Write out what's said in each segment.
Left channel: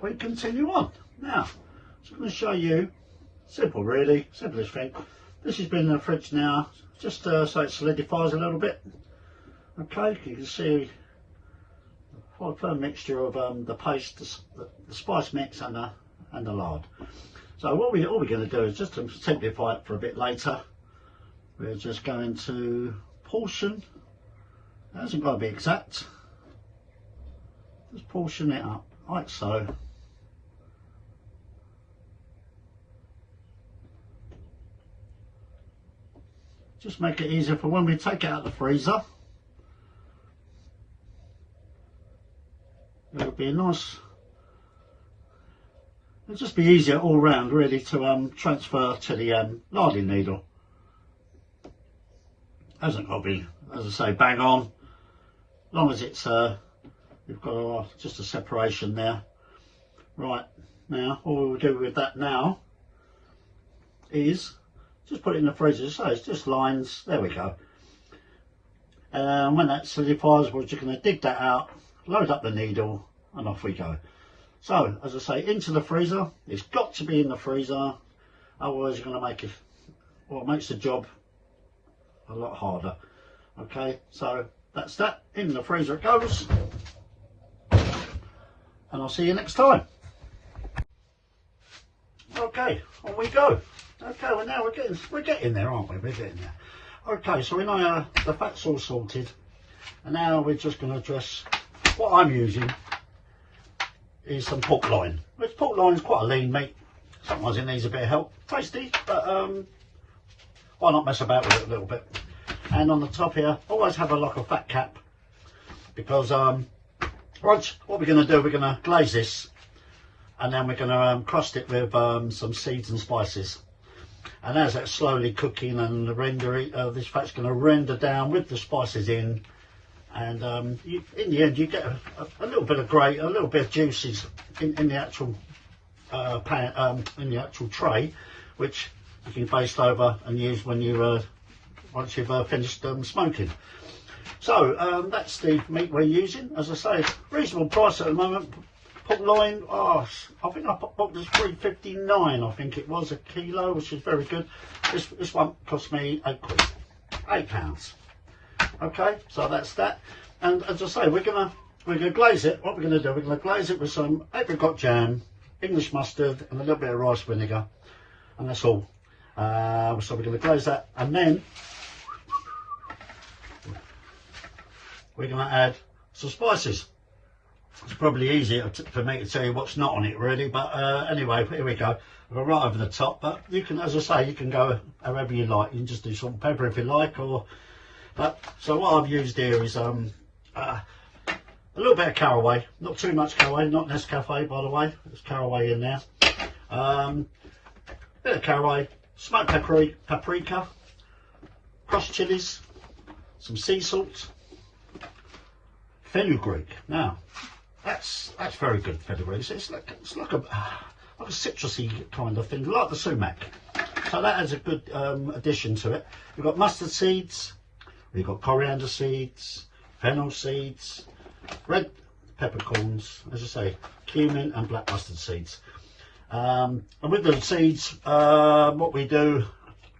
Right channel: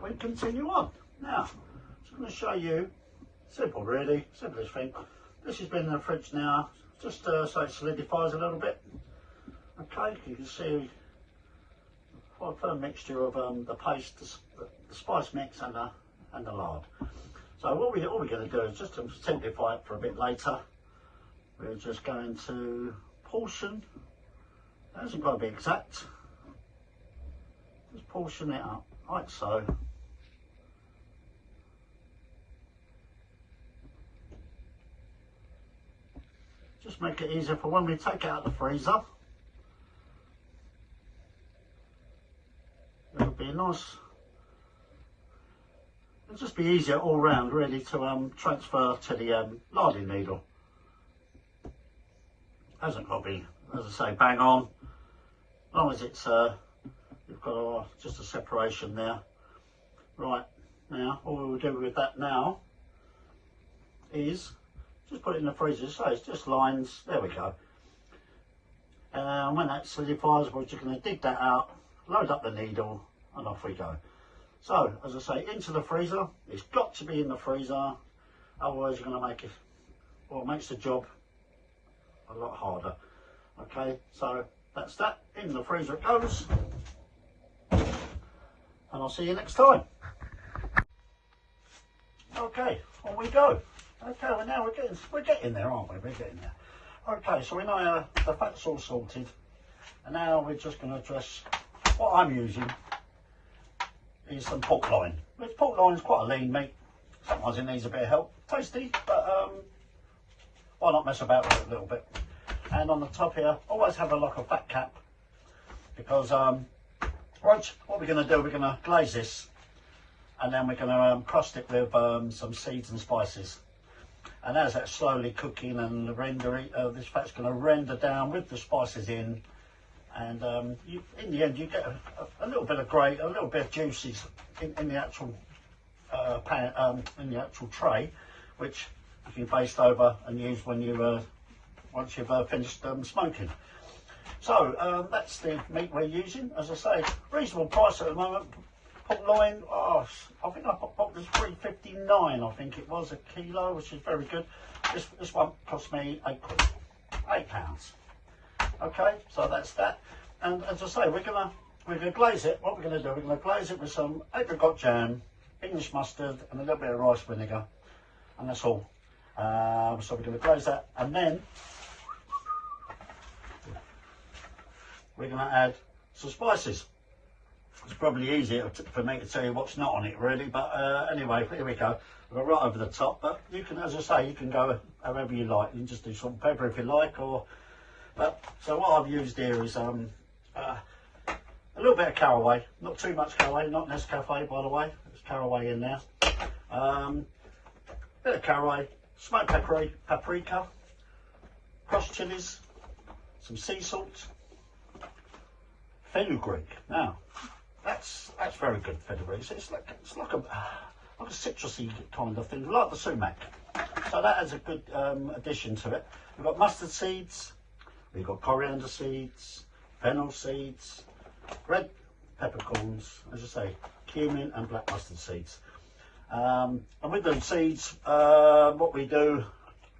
that, we continue on. Now, I'm just going to show you, simple really, simplest thing. This has been in the fridge now, just so it solidifies a little bit. Okay, you can see quite a firm mixture of the paste, the spice mix and the lard. So all we're going to do is just to simplify it for a bit later, we're just going to portion. It hasn't got to be exact. Just portion it up like so. Just make it easier for when we take it out of the freezer. It'll be nice. It'll just be easier all round really to transfer to the larding needle. Hasn't got to be, as I say, bang on. As long as it's you've got just a separation there. Right, now all we'll do with that now is just put it in the freezer. So it's just lines. There we go. When that solidifies, we're just going to dig that out, load up the needle, and off we go. So, as I say, into the freezer. It's got to be in the freezer, otherwise you're going to make it, well, it makes the job a lot harder. Okay, so that's that. In the freezer it goes, and I'll see you next time. Okay, on we go. Okay, well now we're getting there, aren't we? We're getting there. Okay, so we know the fat's all sorted, and now we're just going to address what I'm using is some pork loin. Which pork loin is quite a lean meat. Sometimes it needs a bit of help. Tasty, but why not mess about with it a little bit? And on the top here, always have a fat cap, because right, what we're going to do, we're going to glaze this, and then we're going to crust it with some seeds and spices. And as that's slowly cooking and this fat's going to render down with the spices in, and in the end you get a little bit of a little bit of juices in the actual pan, in the actual tray, which you can baste over and use when you once you've finished smoking. So that's the meat we're using. As I say, reasonable price at the moment. Pork loin, I think I bought this £3.59, I think it was, a kilo, which is very good. This one cost me £8. Okay, so that's that. And as I say, we're gonna glaze it. What we're gonna do, we're gonna glaze it with some apricot jam, English mustard, and a little bit of rice vinegar, and that's all. So we're gonna glaze that, and then we're gonna add some spices. It's probably easier for me to tell you what's not on it really, but anyway, here we go. We'll go right over the top, but you can, as I say, you can go however you like. You can just do salt and pepper if you like, or so what I've used here is a little bit of caraway, not too much caraway, not Nescafe by the way, there's caraway in there. Bit of caraway, smoked paprika, crushed chilies, some sea salt, fenugreek. Now that's very good fenugreek. It's like a citrusy kind of thing, like the sumac. So that adds a good addition to it. We've got mustard seeds, we've got coriander seeds, fennel seeds, red peppercorns, as I say, cumin and black mustard seeds. And with the seeds, what we do,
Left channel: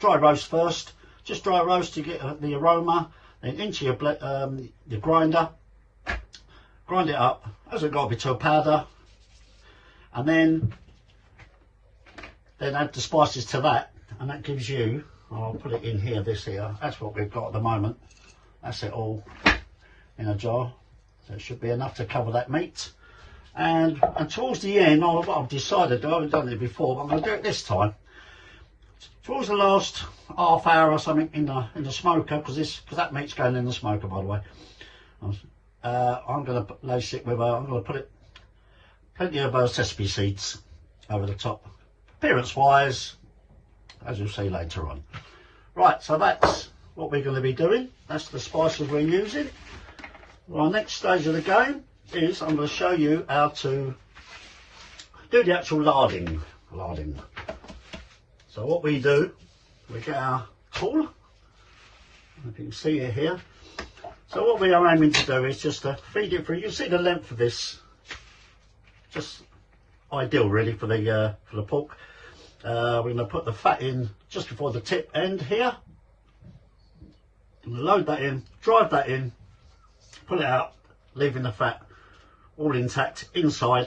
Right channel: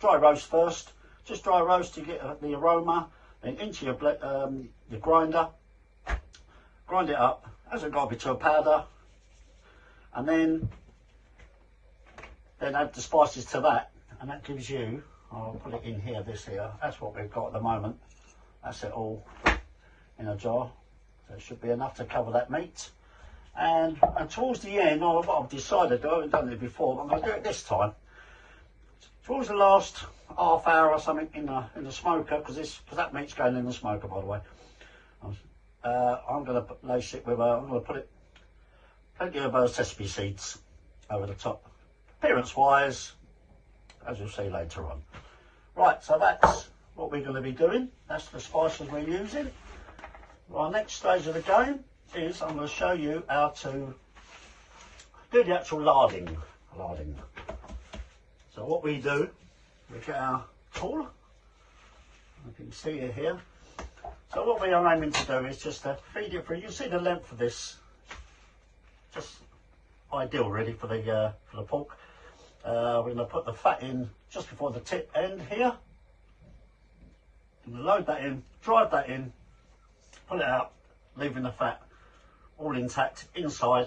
dry roast first. Just dry roast to get the aroma, then into your grinder. Grind it up, hasn't got to be to a powder, and then add the spices to that, and that gives you, I'll put it in here, this here, that's what we've got at the moment. That's it all in a jar, so it should be enough to cover that meat. And towards the end, what I've decided, I haven't done it before, but I'm going to do it this time. Towards the last half hour or something in the smoker, because that meat's going in the smoker by the way. I'm going to lace it with, I'm going to put plenty of sesame seeds over the top, appearance wise, as you'll see later on. Right, so that's what we're going to be doing. That's the spices we're using. Well, our next stage of the game is I'm going to show you how to do the actual larding. So what we do, we get our tool, if you can see it here. So what we are aiming to do is just to feed it through. You see the length of this, just ideal really for the pork. We're going to put the fat in just before the tip end here. I'm going to load that in, drive that in, pull it out, leaving the fat all intact inside.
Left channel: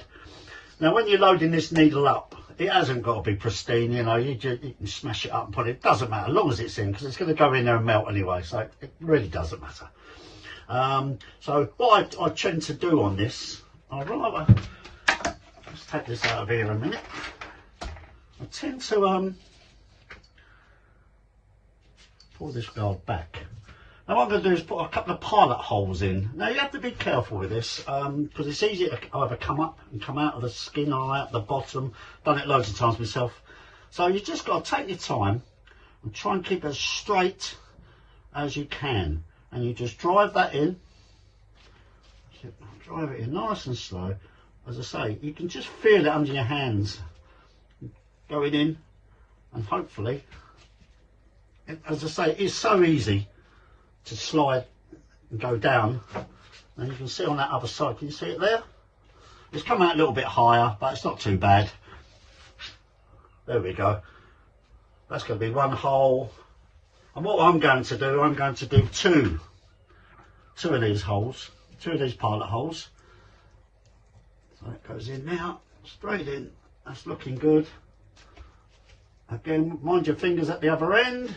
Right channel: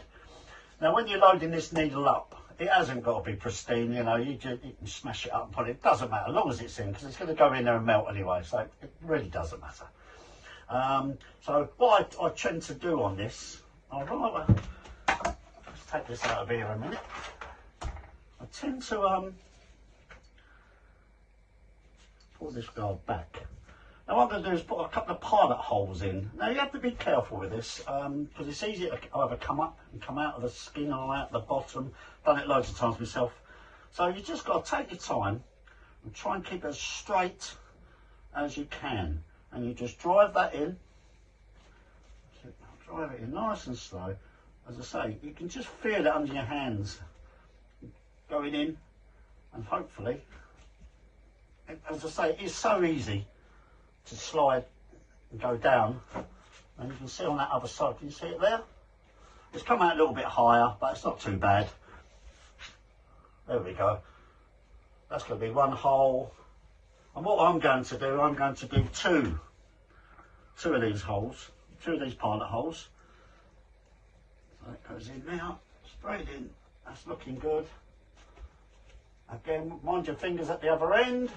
Now when you're loading this needle up, it hasn't got to be pristine, you know, you can smash it up and put it, doesn't matter, as long as it's in, because it's going to go in there and melt anyway, so it really doesn't matter. So what I tend to do on this, I'd rather, let's take this out of here a minute, I tend to pull this guard back. Now what I'm going to do is put a couple of pilot holes in. Now you have to be careful with this because it's easy to either come up and come out of the skin or out the bottom. Done it loads of times myself. So you just got to take your time and try and keep it as straight as you can. And you just drive that in. Drive it in nice and slow. As I say, you can just feel it under your hands going in, and hopefully, as I say, it's so easy to slide and go down. And you can see on that other side, can you see it there? It's come out a little bit higher, but it's not too bad. There we go. That's going to be one hole. And what I'm going to do, I'm going to do two of these holes, two of these pilot holes. So it goes in now, straight in. That's looking good. Again, mind your fingers at the other end.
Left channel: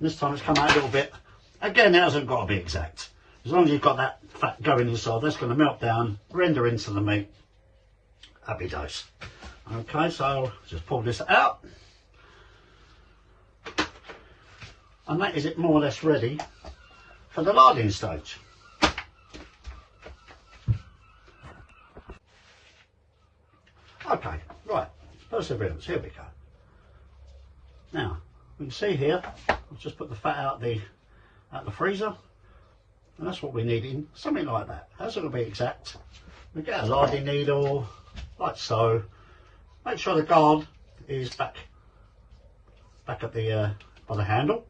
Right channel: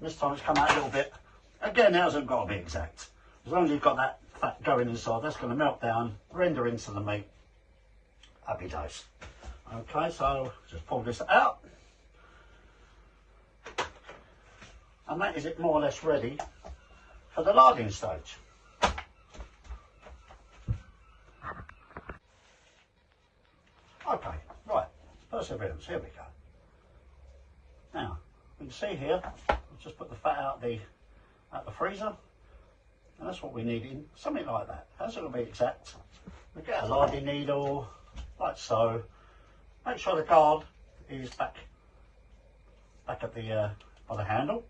This time it's come out a little bit. Again, it hasn't got to be exact. As long as you've got that fat going inside, that's going to melt down, render into the meat. Happy days. Okay, so just pull this out. And that is it more or less ready for the larding stage. Okay, right, perseverance, here we go. Now, we can see here, I've just put the fat out the freezer, and that's what we're needing, something like that. That's going to be exact. We get a larding needle, like so. Make sure the guard is back at the by the handle,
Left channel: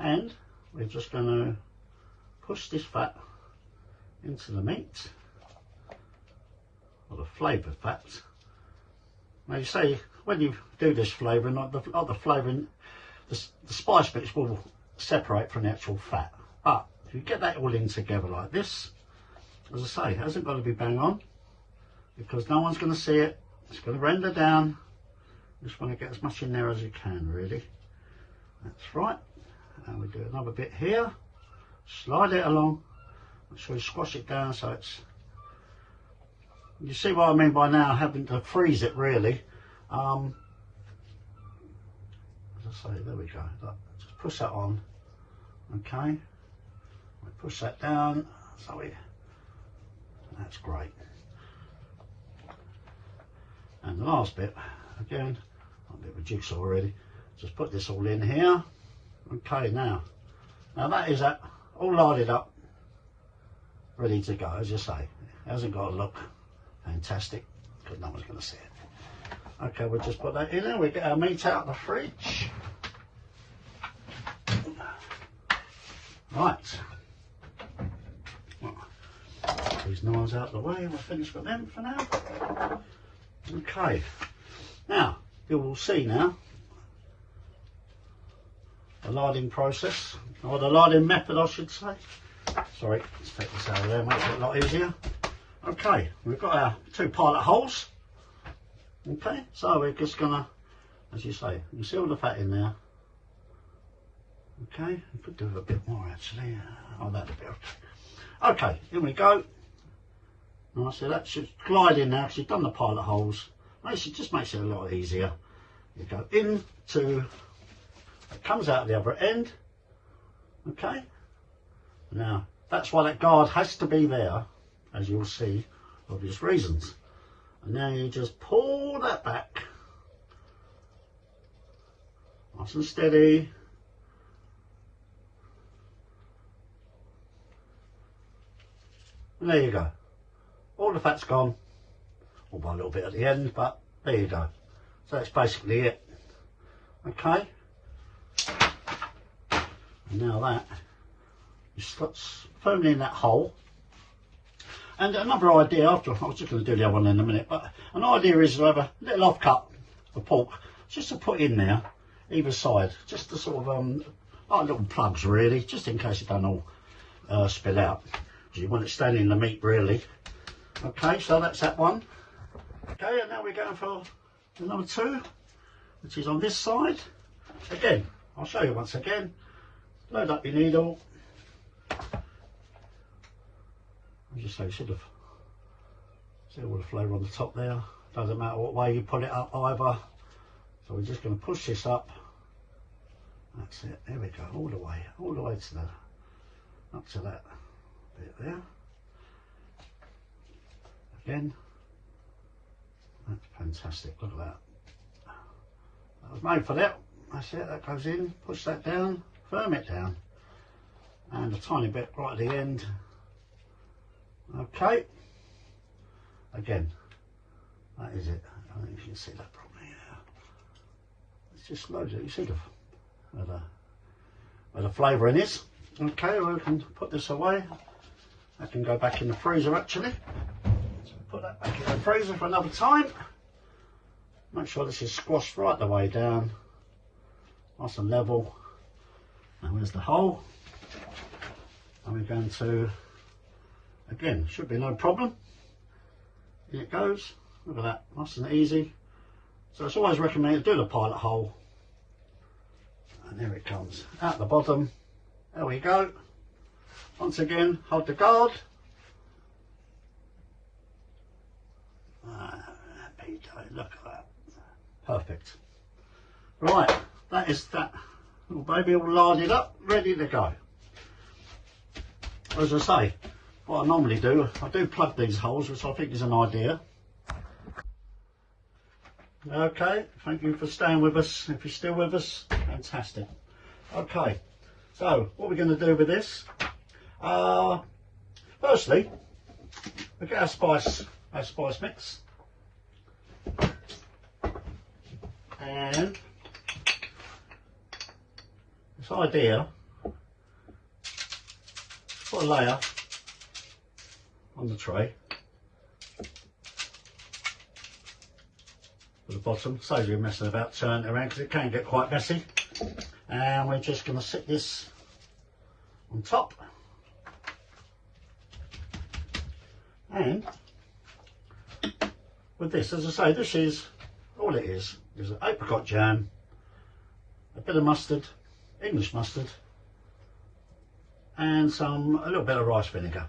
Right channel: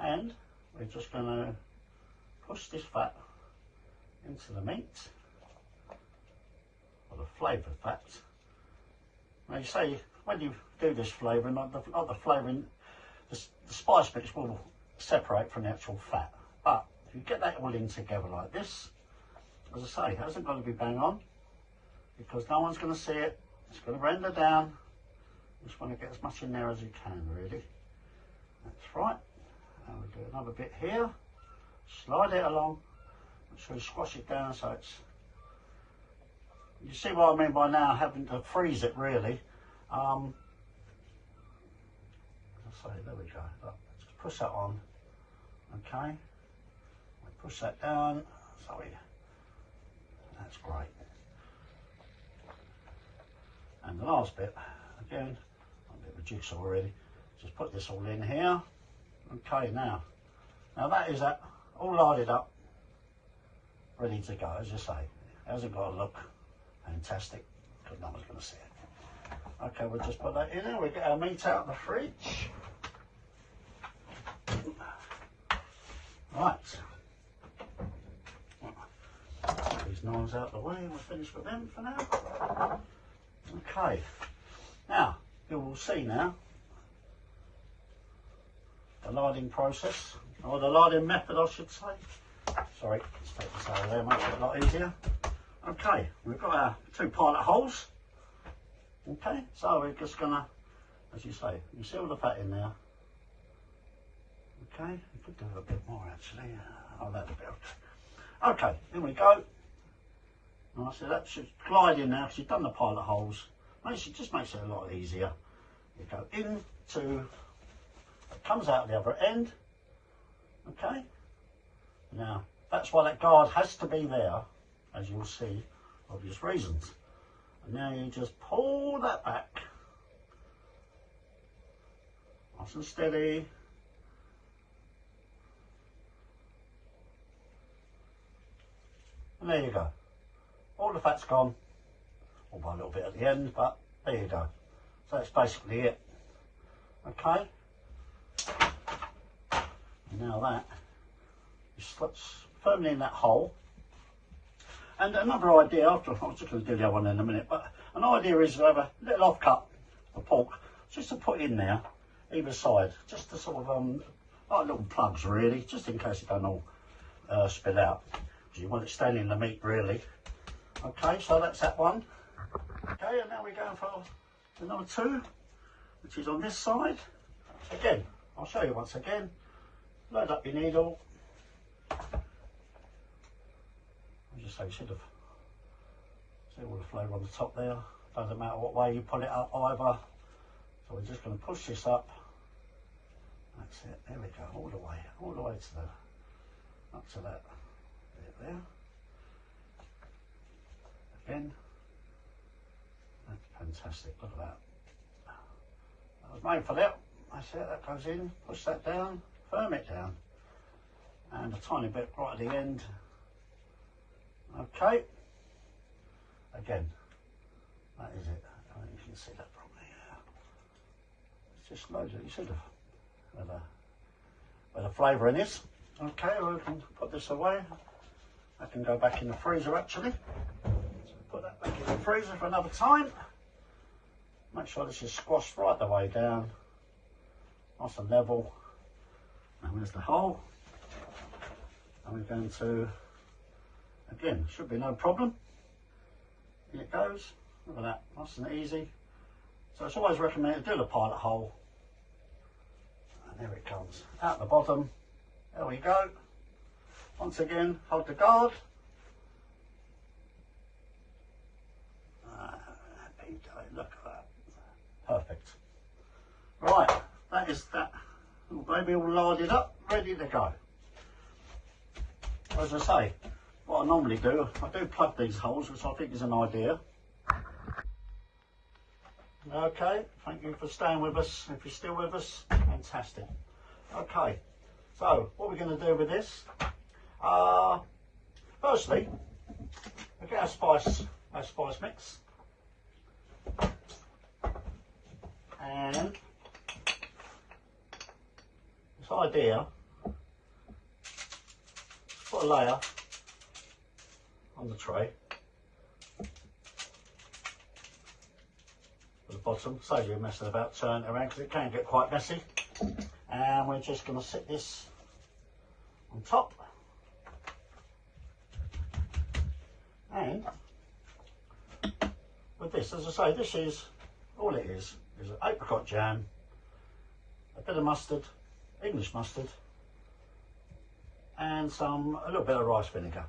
and we're just going to push this fat into the meat, or the flavoured fat. Now you say when you do this flavouring, like the flavouring, the spice bits will separate from the actual fat. But if you get that all in together like this, as I say, it hasn't got to be bang on, because no one's going to see it. It's going to render down. Just want to get as much in there as you can, really. That's right. And we do another bit here. Slide it along. Make sure you squash it down so it's. You see what I mean by now having to freeze it, really. As I say, there we go. Look, just push that on. Okay. We push that down. So that's great. And the last bit, again, a bit of a jigsaw already. Just put this all in here. Okay, now that is that all larded up, ready to go. As you say, it hasn't got to look fantastic because no one's going to see it. Okay, we'll just put that in there. We get our meat out of the fridge. Right. These knives out of the way. We'll finish with them for now. Okay. Now, you will see now the larding process, or the larding method I should say. Sorry, let's take this out of there, makes it a lot easier. Okay, we've got our two pilot holes. Okay, so we're just gonna, as you say, you can see all the fat in there. Okay, we could do a bit more actually. Oh, that'll be okay. Okay, here we go. And I said that should glide in now because you've done the pilot holes. Just makes it a lot easier. You go into, it comes out the other end. Okay. Now that's why that guard has to be there, as you'll see, for obvious reasons. And now you just pull that back, nice and steady. And there you go. All the fat's gone, or by a little bit at the end, but there you go. So that's basically it. Okay. And now that is firmly in that hole. And another idea, after I was just going to do the other one in a minute, but an idea is to have a little offcut of pork just to put in there either side, just to sort of like little plugs really, just in case it don't all spill out. You want it staying in the meat really. Okay, so that's that one. Okay, and now we're going for number 2, which is on this side. Again, I'll show you once again. Load up your needle. As you say, you should have see all the flavour on the top there. Doesn't matter what way you put it up either. So we're just going to push this up. That's it. There we go. All the way to that, up to that bit there. Again, that's fantastic. Look at that. That was made for that. That's it. That goes in. Push that down. Firm it down. And a tiny bit right at the end. Okay. Again, that is it. I don't know if you can see that properly. It's just loaded. You should have where the flavouring is. Okay, well, I can put this away. I can go back in the freezer actually. So put that back in the freezer for another time. Make sure this is squashed right the way down. Nice and level. And there's the hole. And we're going to, again, should be no problem. Here it goes. Look at that, nice and easy. So it's always recommended to do the pilot hole. And there it comes, out the bottom. There we go. Once again, hold the guard. Look at that. Perfect. Right, that is that little baby all larded up, ready to go. As I say, what I normally do, I do plug these holes, which I think is an idea. Okay, thank you for staying with us. If you're still with us, fantastic. Okay, so what we're going to do with this, firstly, we get our spice mix, and this idea, put a layer on the tray at the bottom, saves you messing about turning it around because it can get quite messy. And we're just going to sit this on top, and with this, as I say, this is all it is an apricot jam, a bit of mustard, English mustard, and a little bit of rice vinegar.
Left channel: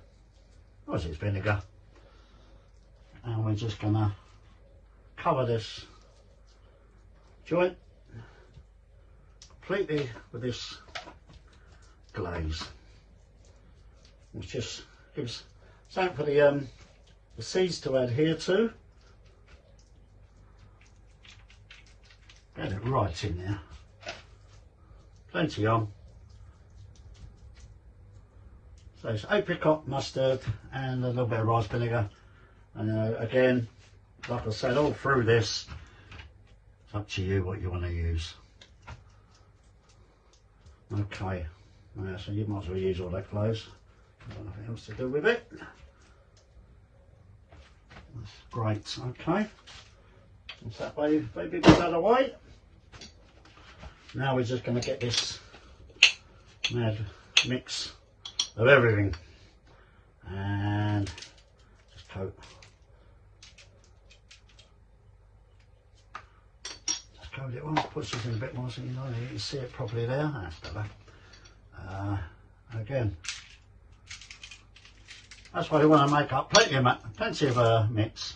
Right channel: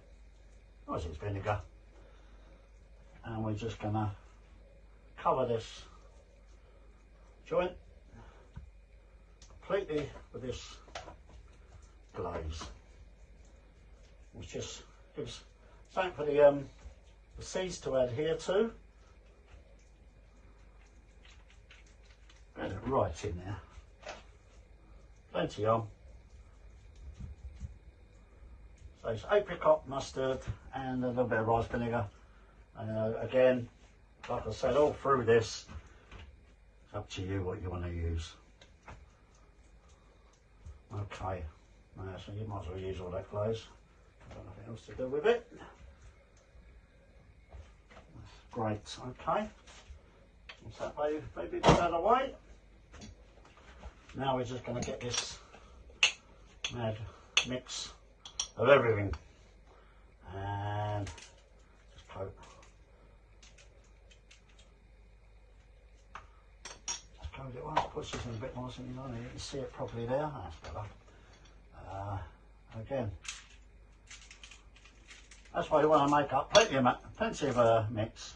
What is it? It's vinegar. And we're just going to cover this joint completely with this glaze, which just gives something for the seeds to adhere to. Get it right in there. Plenty on. So it's apricot, mustard, and a little bit of rice vinegar. Again, like I said, all through this, it's up to you what you want to use. Okay, so you might as well use all that glaze. Nothing else to do with it. That's great. Okay, once that baby gets out of the way, now we're just going to get this mad mix of everything and just coat. Just coat it once, push this in a bit more so you can see it properly there. That's better. Again, that's why you want to make up plenty of mix.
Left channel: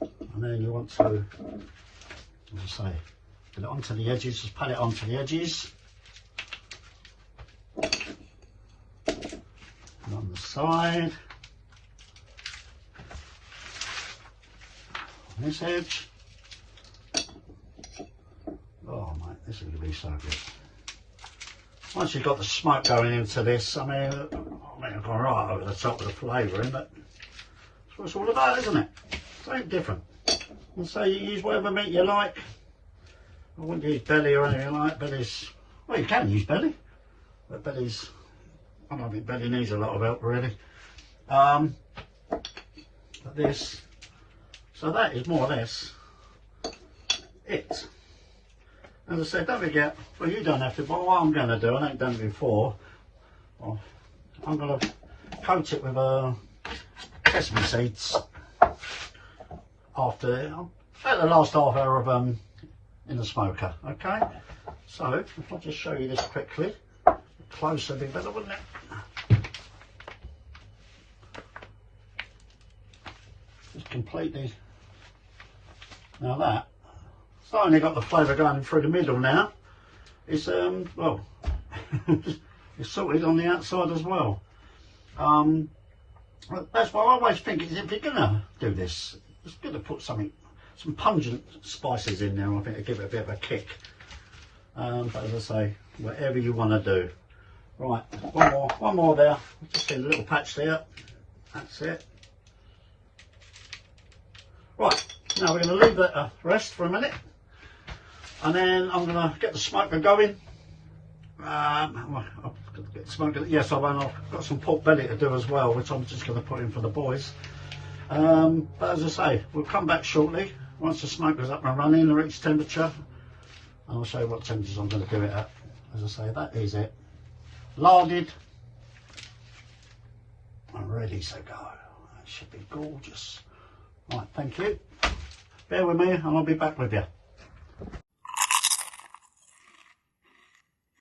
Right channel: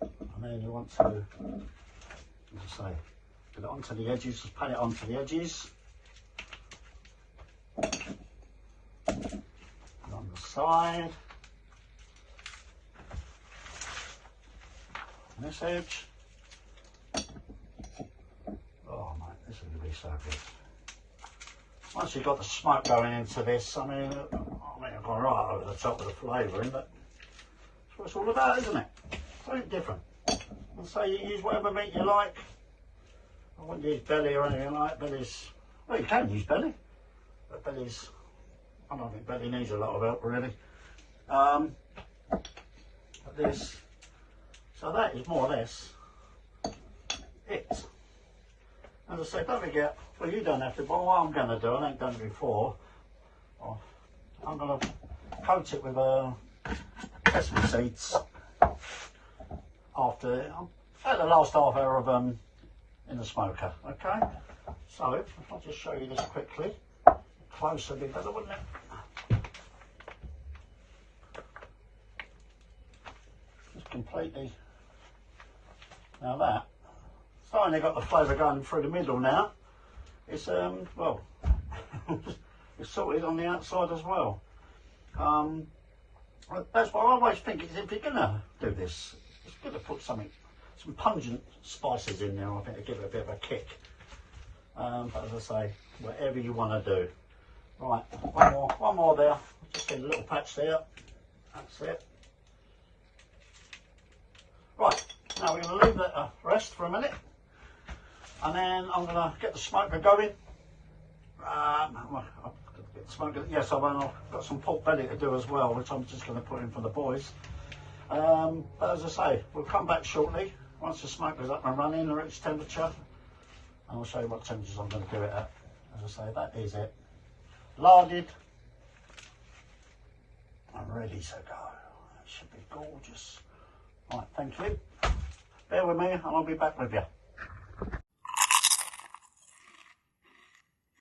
And then you want to, as I say, put it onto the edges, just pat it onto the edges. And on the side, this edge. Oh mate, this is going to be so good. Once you've got the smoke going into this, I mean I've gone right over the top of the flavouring, but that's what it's all about, isn't it? Something different. And so you use whatever meat you like. I wouldn't use belly or anything like that. Belly's, well, you can use belly, but belly's I don't think Benny needs a lot of help really. But this, so that is more or less it. As I said, don't forget, well, you don't have to, but what I'm going to do, I ain't done it before, well, I'm going to coat it with sesame seeds after about the last half hour of in the smoker. Okay, so if I'll just show you this quickly, closer be better, wouldn't it? Just completely, now that it's not only got the flavour going through the middle now, it's well it's sorted on the outside as well. That's what I always think, is if you're gonna do this, it's good to put some pungent spices in there, I think, to give it a bit of a kick. But as I say, whatever you want to do. Right, one more there. Just get a little patch there. That's it. Right, now we're going to leave that to rest for a minute, and then I'm going to get the smoker going. Well, I'll get the smoker. Yes, I've got some pork belly to do as well, which I'm just going to put in for the boys. But as I say, we'll come back shortly once the smoker's up and running and reach temperature. I'll show you what temperatures I'm going to do it at. As I say, that is it. Larded and ready to go. That should be gorgeous. Right, thank you. Bear with me and I'll be back with you.